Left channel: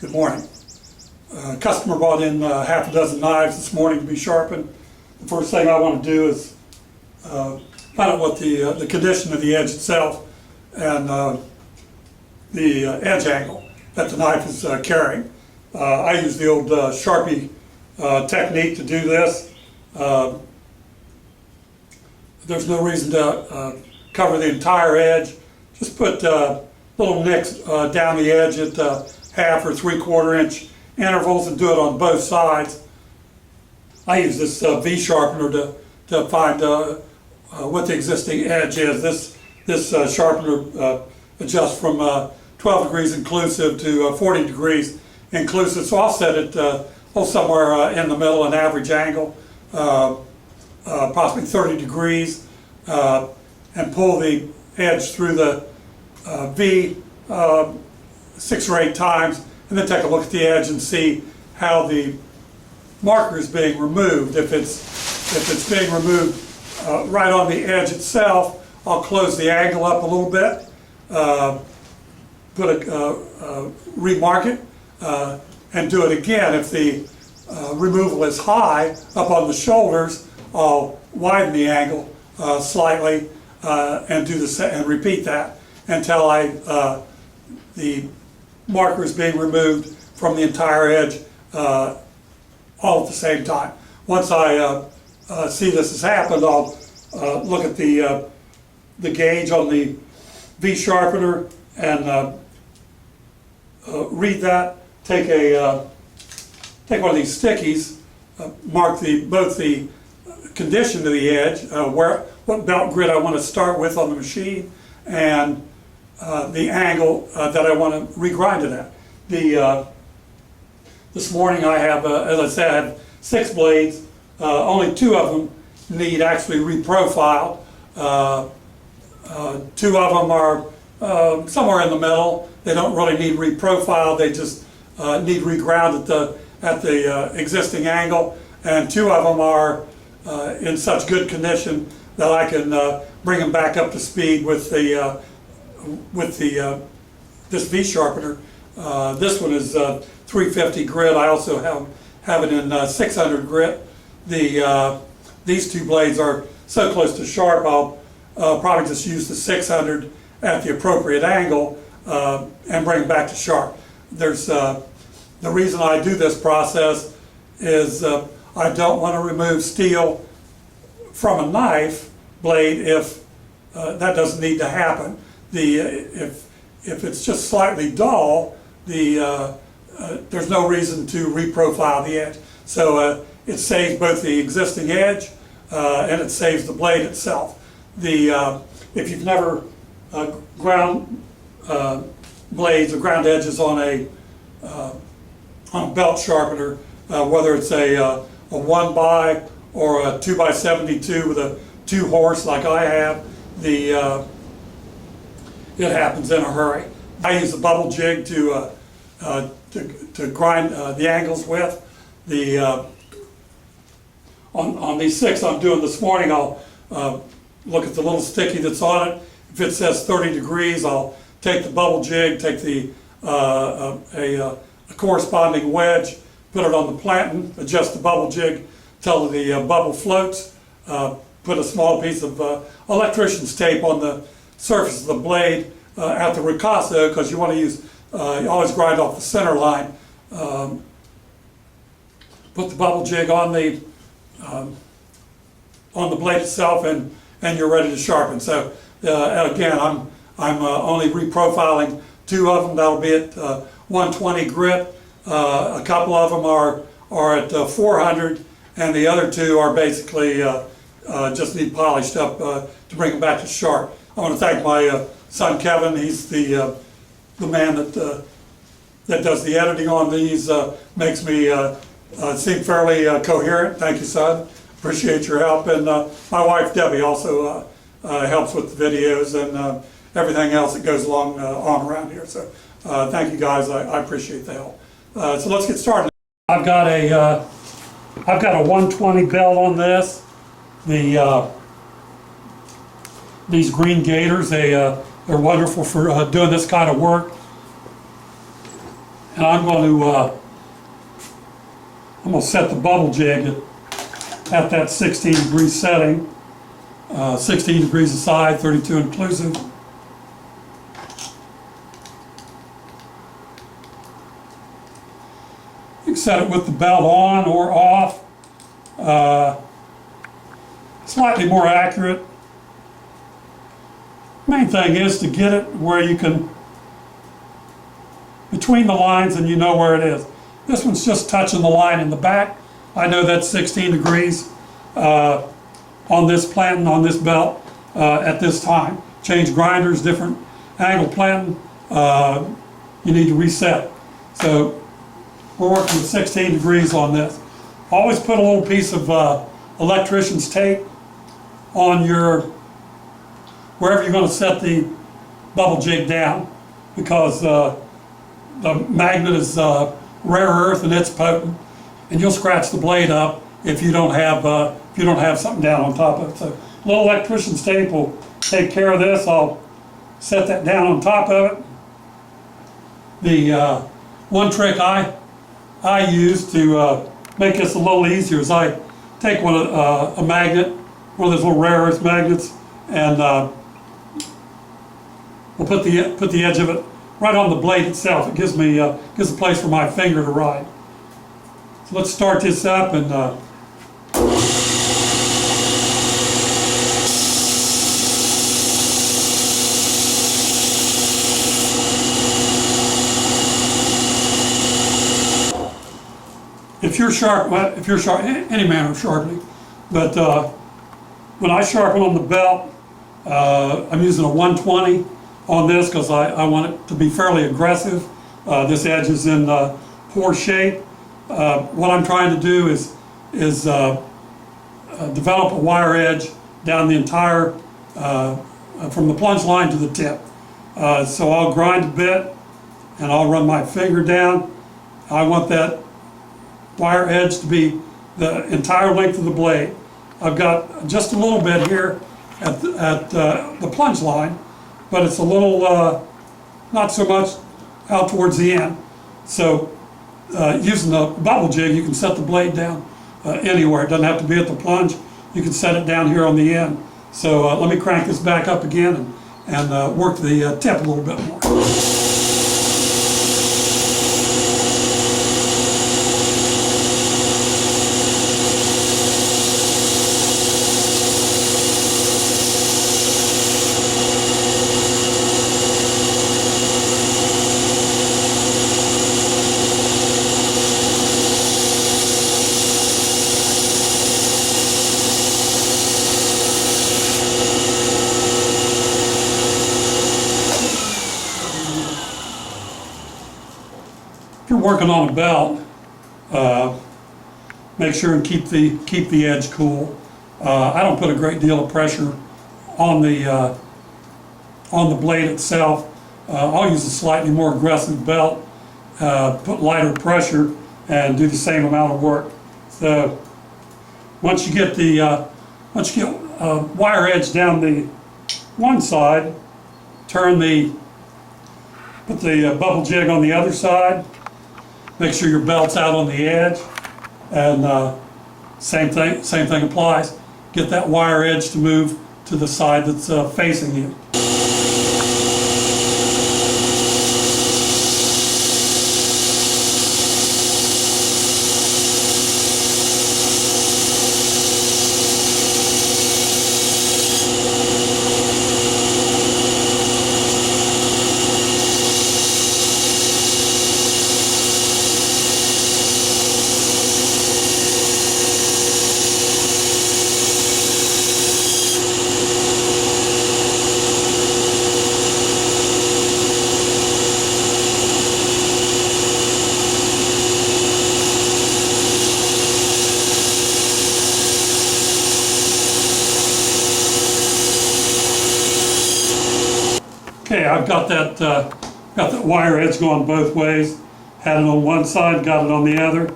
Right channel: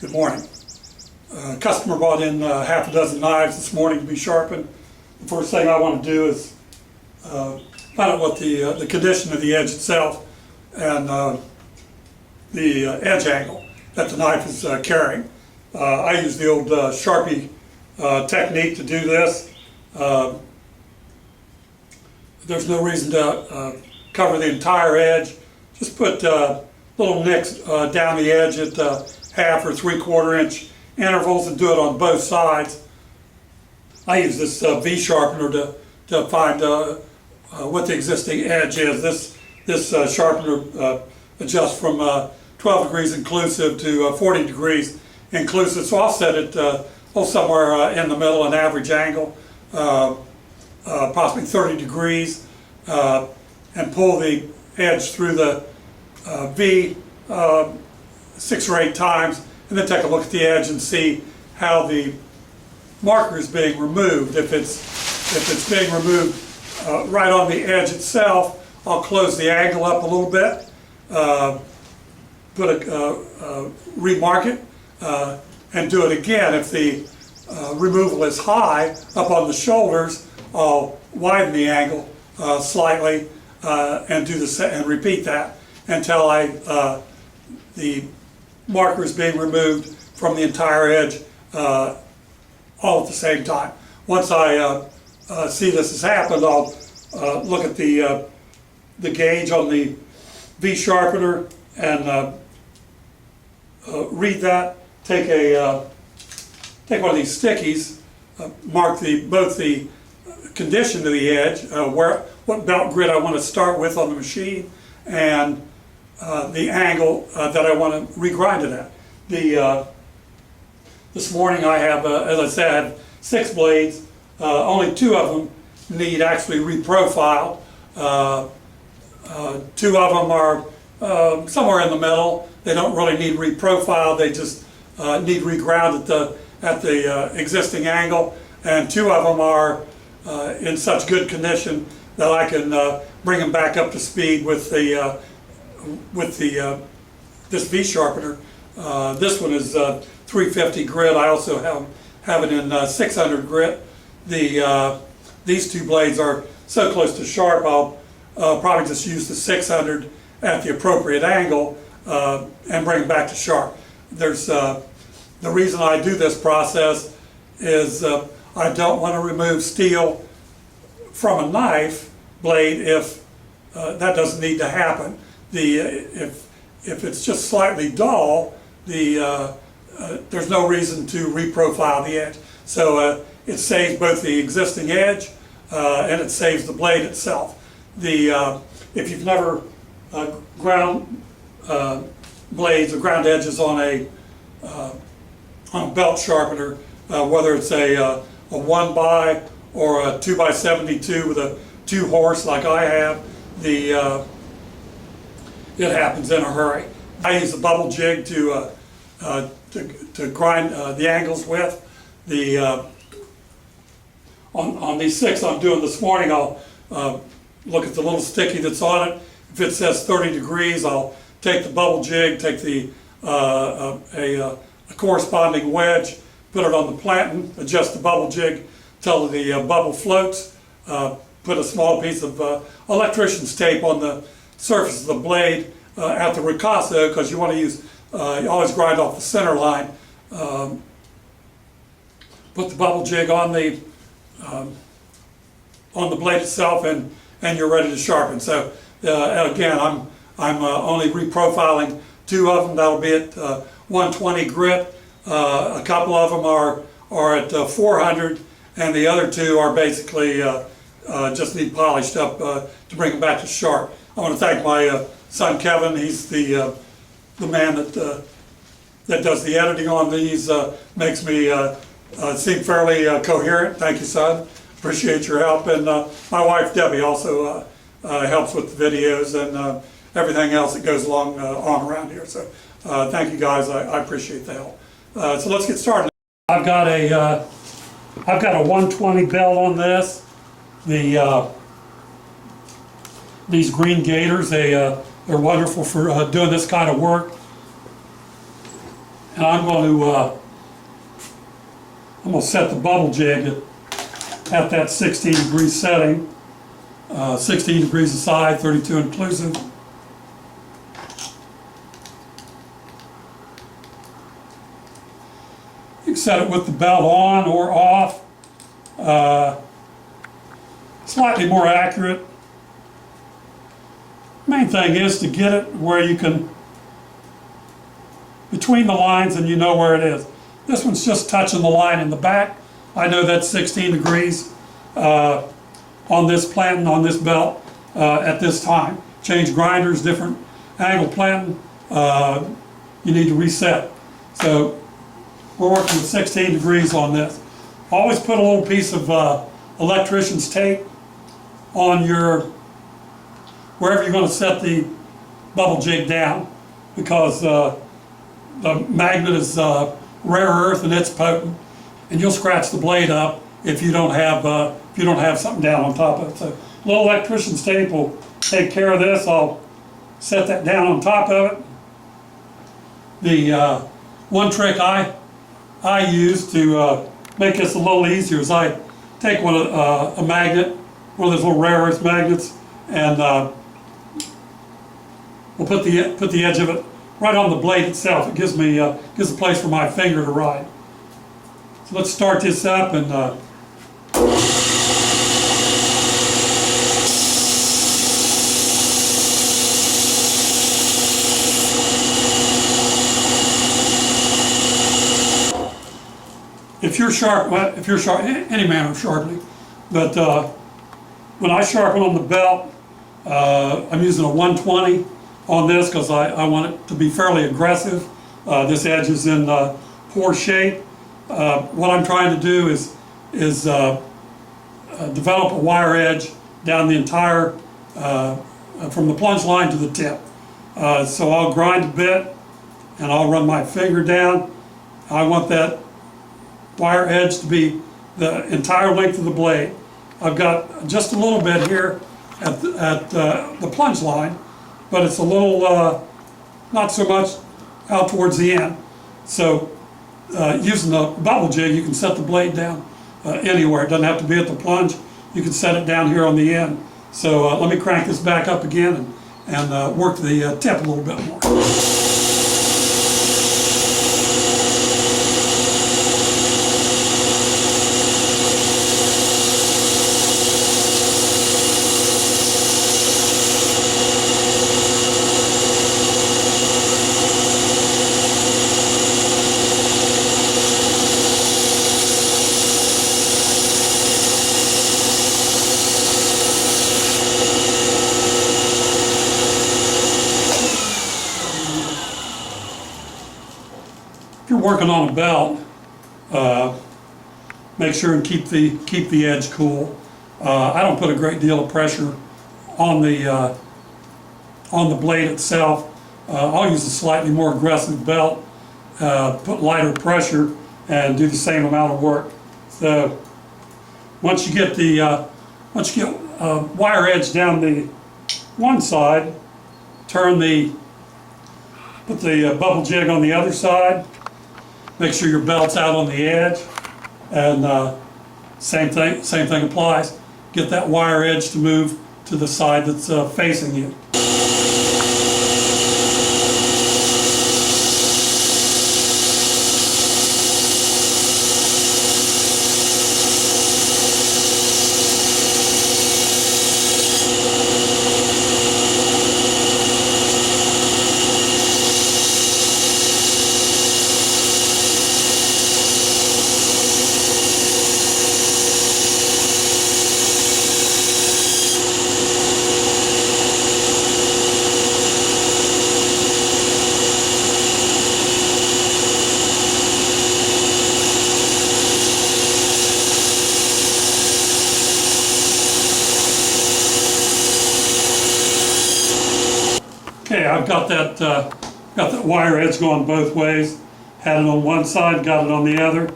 Good morning. A customer brought in half a dozen knives this morning to be sharpened. The first thing I want to do is find out what the condition of the edge itself and the edge angle that the knife is carrying. I use the old Sharpie technique to do this. There's no reason to cover the entire edge. Just put little nicks down the edge at 1/2 or 3/4 inch intervals and do it on both sides. I use this V sharpener to find what the existing edge is. This sharpener adjusts from 12 degrees inclusive to 40 degrees inclusive. So I'll set it somewhere in the middle, an average angle, possibly 30 degrees, and pull the edge through the V 6 or 8 times, and then take a look at the edge and see how the marker is being removed. If it's being removed right on the edge itself, I'll close the angle up a little bit, remark it, and do it again. If the removal is high up on the shoulders, I'll widen the angle slightly and do and repeat that until the marker is being removed from the entire edge all at the same time. Once I see this has happened, I'll look at the gauge on the V sharpener and read that. Take one of these stickies, mark both the condition of the edge, what belt grid I want to start with on the machine, and the angle that I want to regrind it at. This morning I have, as I said, I have 6 blades. Only 2 of them need actually reprofiled. 2 of them are somewhere in the middle. They don't really need reprofiled. They just need reground at the existing angle. And 2 of them are in such good condition that I can bring them back up to speed with this V sharpener. This one is 350 grit. I also have it in 600 grit. These 2 blades are so close to sharp, I'll probably just use the 600 at the appropriate angle and bring it back to sharp. The reason I do this process is I don't want to remove steel from a knife blade if that doesn't need to happen. If it's just slightly dull, there's no reason to reprofile the edge. So it saves both the existing edge and it saves the blade itself. If you've never ground blades or ground edges on a belt sharpener, whether it's a 1x or a 2x72 with a 2 horse like I have, it happens in a hurry. I use the Bubble Jig to grind the angles with. On these 6 I'm doing this morning, I'll look at the little sticky that's on it. If it says 30 degrees, I'll take the Bubble Jig, take a corresponding wedge, put it on the planting, adjust the Bubble Jig till the bubble floats, put a small piece of electrician's tape on the surface of the blade at the ricasso, because you want to use, you always grind off the center line. Put the Bubble Jig on the blade itself, and you're ready to sharpen. So again, I'm only reprofiling 2 of them. That'll be at 120 grit. A couple of them are at 400, and the other 2 are basically just need polished up to bring them back to sharp. I want to thank my son Kevin. He's the man that does the editing on these. Makes me seem fairly coherent. Thank you, son. Appreciate your help. And my wife Debbie also helps with the videos and everything else that goes along on around here. So thank you guys. I appreciate the help. So let's get started. I've got a 120 belt on this. These green gators, they're wonderful for doing this kind of work. And I'm going to set the bubble jig at that 16-degree setting, 16 degrees aside, 32 inclusive. You can set it with the belt on or off. Slightly more accurate. Main thing is to get it where you can, between the lines, and you know where it is. This one's just touching the line in the back. I know that's 16 degrees on this planting, on this belt at this time. Change grinders, different angle planting, you need to reset. So we're working with 16 degrees on this. Always put a little piece of electrician's tape on your, wherever you're going to set the bubble jig down, because the magnet is rare earth and it's potent, and you'll scratch the blade up if you don't have something down on top of it. So a little electrician's tape will take care of this. I'll set that down on top of it. The one trick I use to make this a little easier is I take a magnet, one of those little rare earth magnets, and we'll put the edge of it right on the blade itself. It gives a place for my finger to ride. So let's start this up and if you're sharp, any manner of sharpening, but when I sharpen on the belt, I'm using a 120 on this because I want it to be fairly aggressive. This edge is in poor shape. What I'm trying to do is develop a wire edge down the entire, from the plunge line to the tip. So I'll grind a bit and I'll run my finger down. I want that wire edge to be the entire length of the blade. I've got just a little bit here at the plunge line, but it's a little, not so much out towards the end. So using the bubble jig, you can set the blade down anywhere. It doesn't have to be at the plunge. You can set it down here on the end. So let me crank this back up again and work the tip a little bit more. If you're working on a belt, make sure and keep the edge cool. I don't put a great deal of pressure on the blade itself. I'll use a slightly more aggressive belt, put lighter pressure, and do the same amount of work. So once you get wire edge down the one side, put the bubble jig on the other side. Make sure your belt's out on the edge, and same thing applies. Get that wire edge to move to the side that's facing you. Okay, I've got that wire edge going both ways. Had it on one side, got it on the other.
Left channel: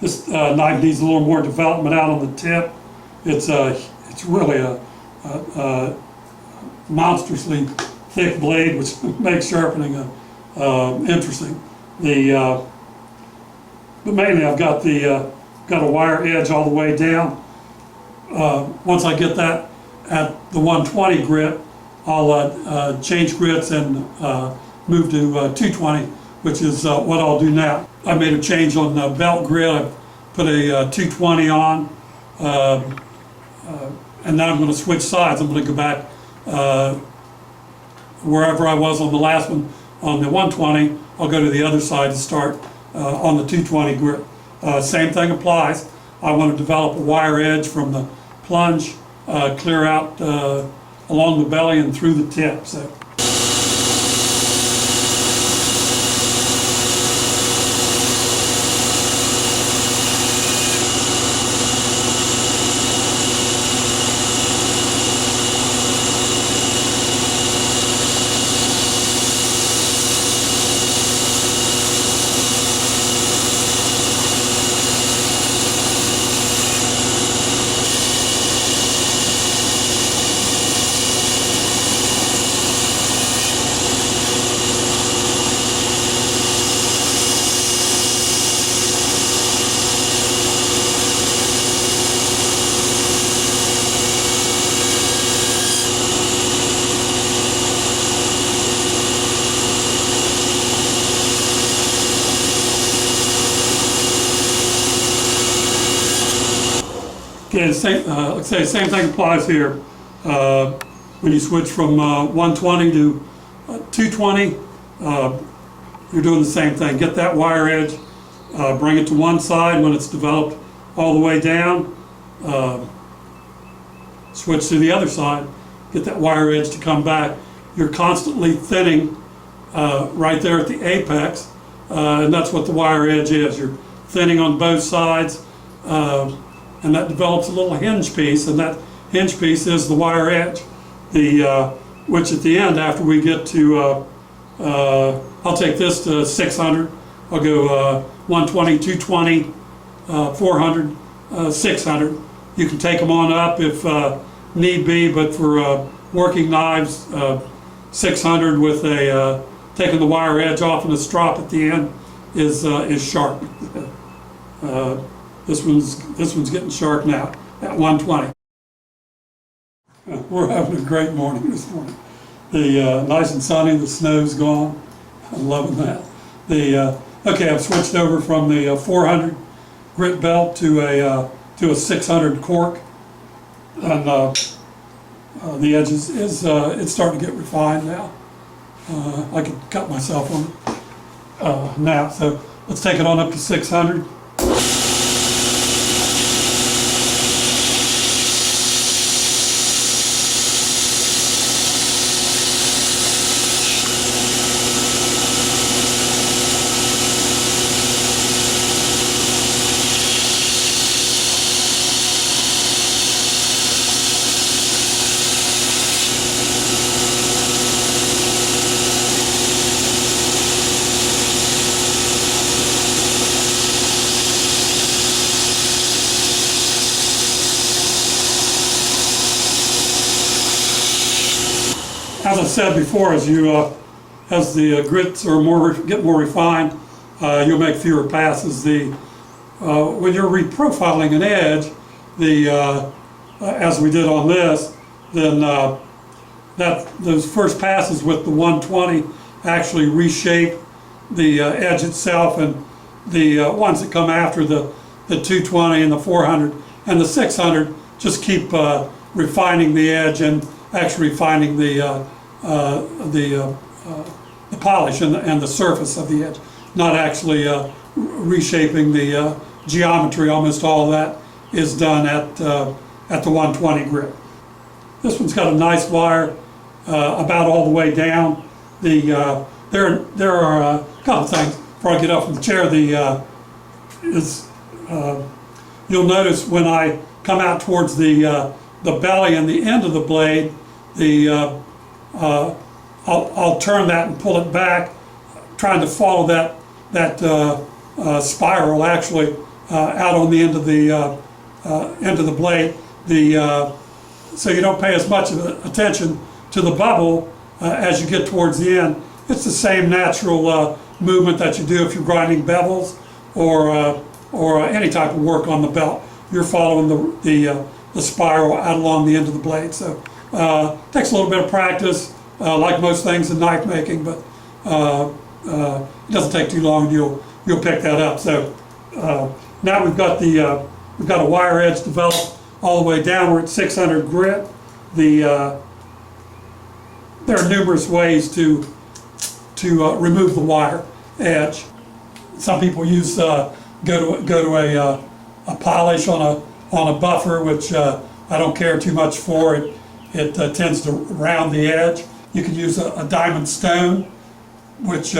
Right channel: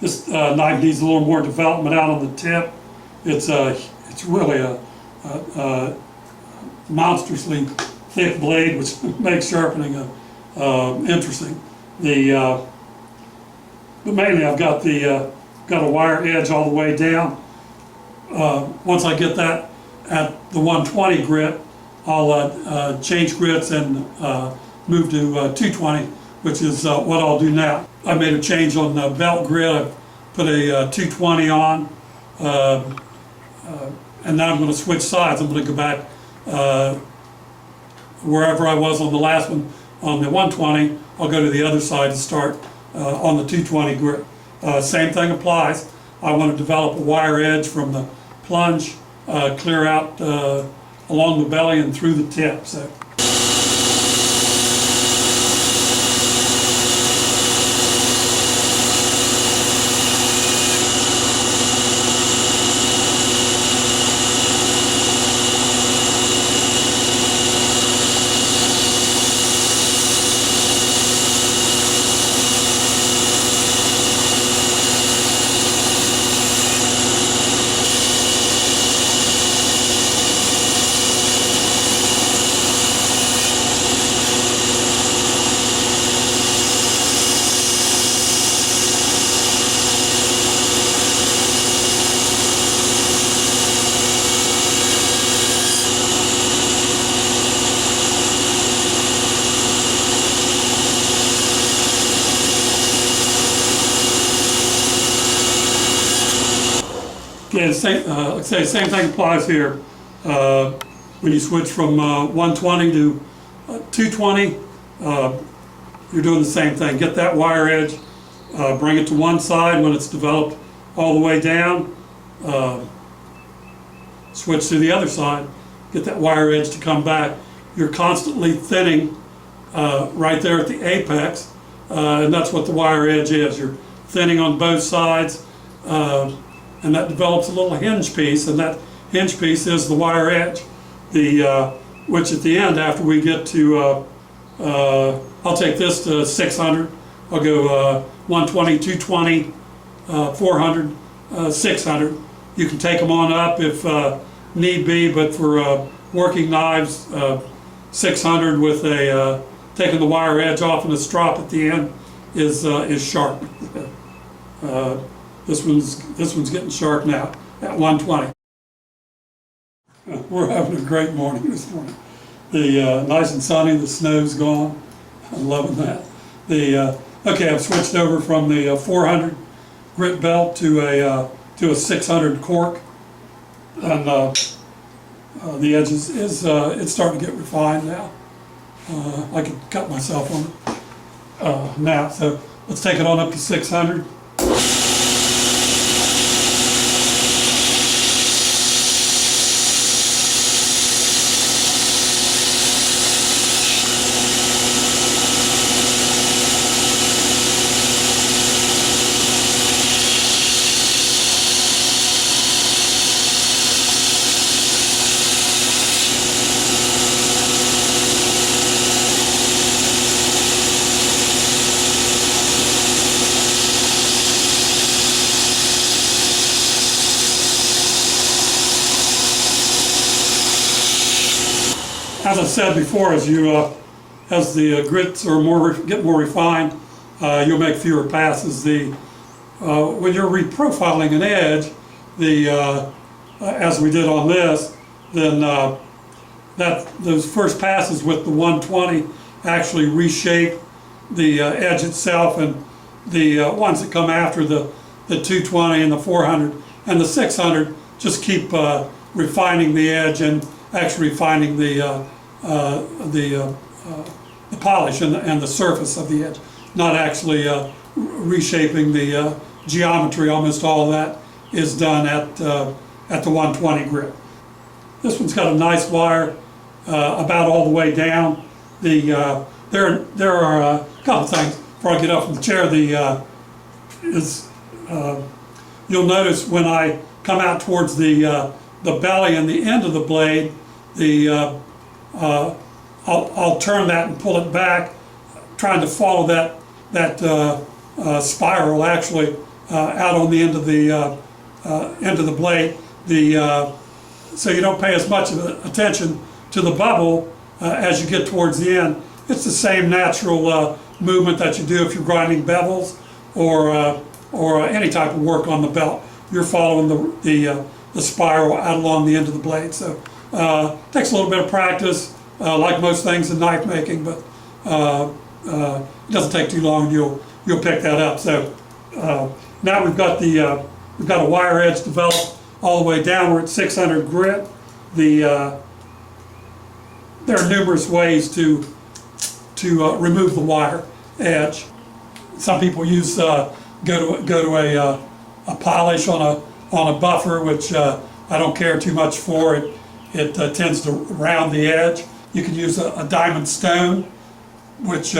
This knife needs a little more development out on the tip. It's really a monstrously thick blade, which makes sharpening interesting. But mainly I've got got a wire edge all the way down. Once I get that at the 120 grit, I'll change grits and move to 220, which is what I'll do now. I made a change on the belt grit. I put a 220 on, and now I'm going to switch sides. I'm going to go back wherever I was on the last one on the 120. I'll go to the other side to start on the 220 grit. Same thing applies. I want to develop a wire edge from the plunge clear out along the belly and through the tip. So. Okay, like I say, same thing applies here. When you switch from 120 to 220, you're doing the same thing. Get that wire edge, bring it to one side when it's developed all the way down, switch to the other side, get that wire edge to come back. You're constantly thinning right there at the apex, and that's what the wire edge is. You're thinning on both sides. And that develops a little hinge piece, and that hinge piece is the wire edge. Which at the end, after we get to, I'll take this to 600. I'll go 120, 220, 400, 600. You can take them on up if need be, but for working knives, 600 with taking the wire edge off and a strop at the end is sharp. This one's getting sharp now at 120. We're having a great morning this morning. Nice and sunny, the snow's gone. I'm loving that. Okay, I've switched over from the 400 grit belt to a 600 cork, and the edge is it's starting to get refined now. I can cut myself on it now. So let's take it on up to 600. As I said before, as the grits are get more refined, you'll make fewer passes. When you're reprofiling an edge, as we did on this, then those first passes with the 120 actually reshape the edge itself, and the ones that come after the 220 and the 400 and the 600 just keep refining the edge and actually refining the polish and the surface of the edge, not actually reshaping the geometry. Almost all of that is done at the 120 grit. This one's got a nice wire about all the way down. There are a couple things before I get up from the chair. You'll notice when I come out towards the belly and the end of the blade, I'll turn that and pull it back, trying to follow that spiral actually out on the end of the blade. So you don't pay as much of attention to the bubble as you get towards the end, it's the same natural movement that you do if you're grinding bevels or any type of work on the belt. You're following the spiral out along the end of the blade. So takes a little bit of practice, like most things in knife making, but it doesn't take too long. You'll pick that up. So now we've got a wire edge developed all the way down. We're at 600 grit. There are numerous ways to remove the wire edge. Some people use go to a polish on a buffer, which I don't care too much for. It tends to round the edge. You can use a diamond stone, which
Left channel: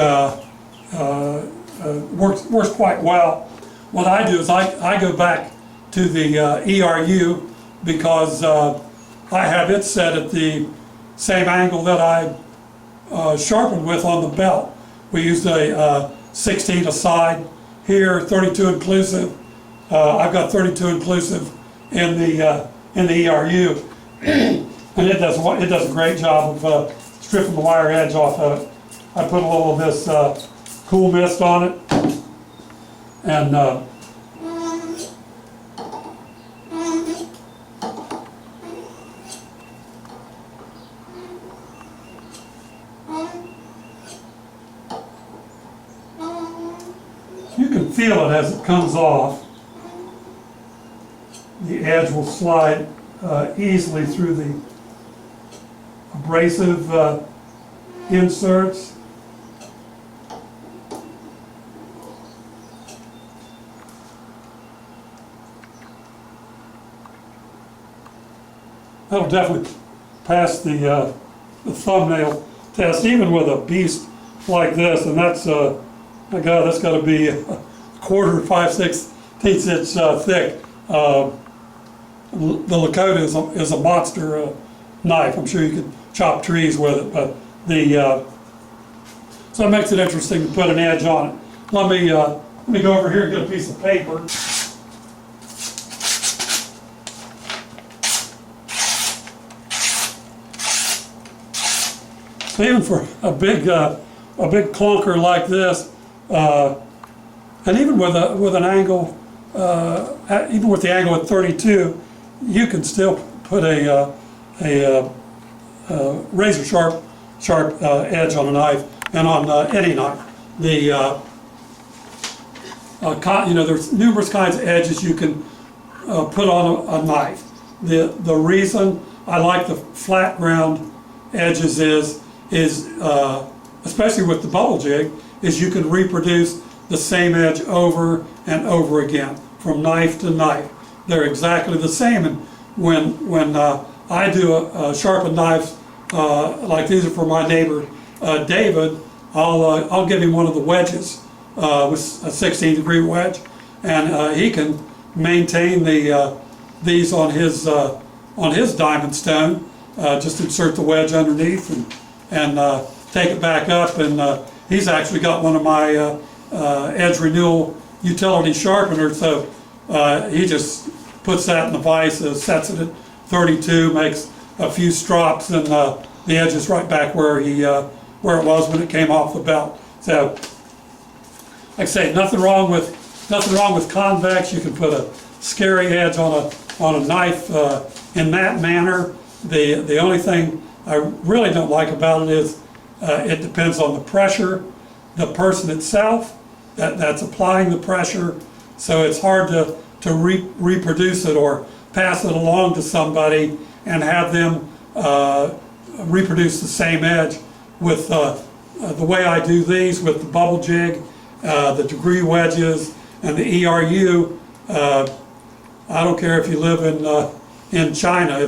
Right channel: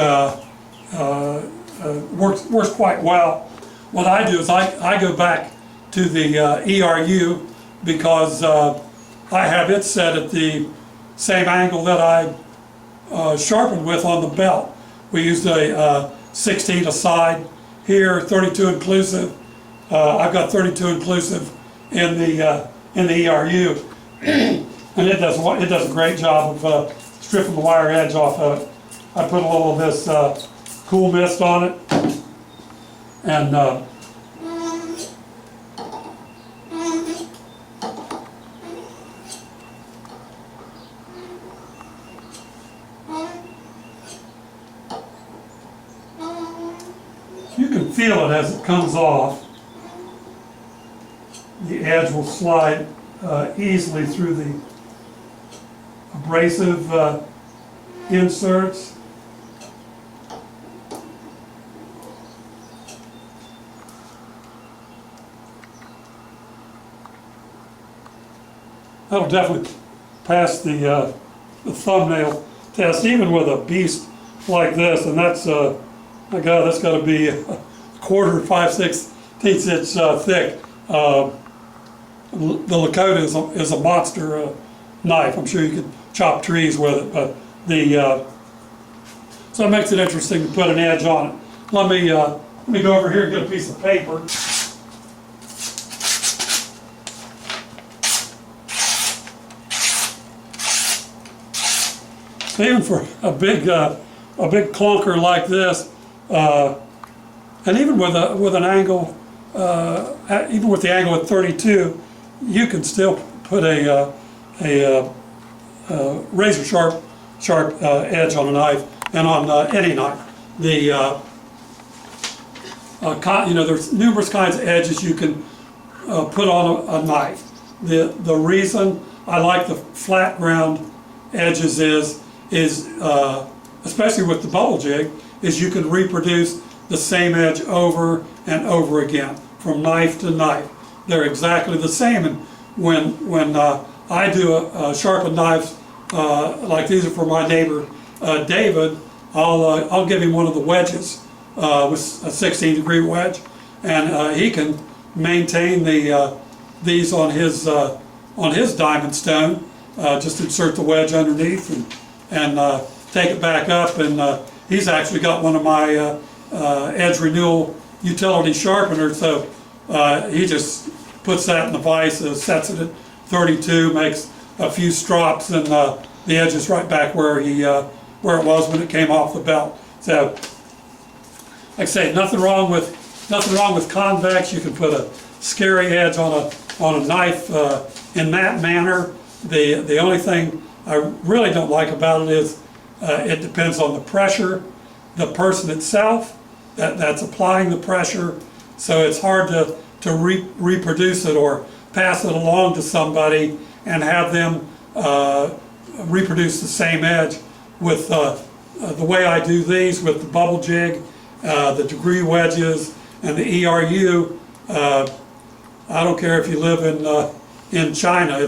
works quite well. What I do is I go back to the ERU because I have it set at the same angle that I sharpened with on the belt. We used a 16 aside here, 32 inclusive. I've got 32 inclusive in the ERU, and it does a great job of stripping the wire edge off of it. I put a little of this cool mist on it, and you can feel it as it comes off. The edge will slide easily through the abrasive inserts. That'll definitely pass the thumbnail test, even with a beast like this, and that's my God, that's got to be a quarter, 5/6 inch thick. The Lakota is a monster knife. I'm sure you could chop trees with it, but so it makes it interesting to put an edge on it. Let me go over here and get a piece of paper. So even for a big clunker like this, and even with an angle, even with the angle at 32, you can still put a razor sharp edge on a knife, and on any knife. There's numerous kinds of edges you can put on a knife. The reason I like the flat ground edges is especially with the Bubble Jig, is you can reproduce the same edge over and over again from knife to knife. They're exactly the same, and when I do sharpened knives like these are for my neighbor David, I'll give him one of the wedges with a 16-degree wedge, and he can maintain these on his diamond stone. Just insert the wedge underneath and take it back up, and he's actually got one of my edge renewal utility sharpeners, so he just puts that in the vise, sets it at 32, makes a few strops, and the edge is right back where it was when it came off the belt. So, like I say, nothing wrong with convex. You can put a scary edge on a knife in that manner. The only thing I really don't like about it is it depends on the pressure, the person itself that's applying the pressure. So it's hard to reproduce it or pass it along to somebody and have them reproduce the same edge. With the way I do these with the Bubble Jig, the degree wedges, and the ERU, I don't care if you live in China.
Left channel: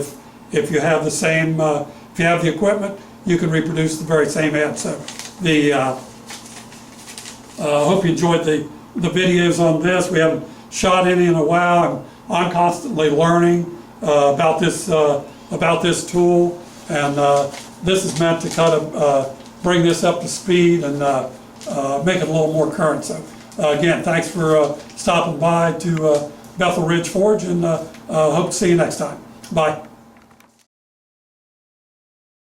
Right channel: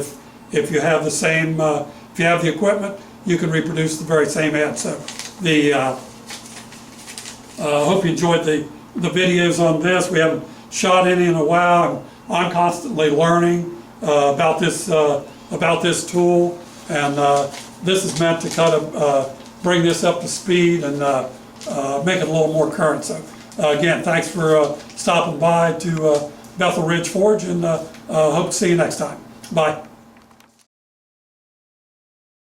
If you have the same, if you have the equipment, you can reproduce the very same edge. So hope you enjoyed the videos on this. We haven't shot any in a while. I'm constantly learning about this tool, and this is meant to kind of bring this up to speed and make it a little more current. So again, thanks for stopping by to Bethel Ridge Forge, and hope to see you next time. Bye.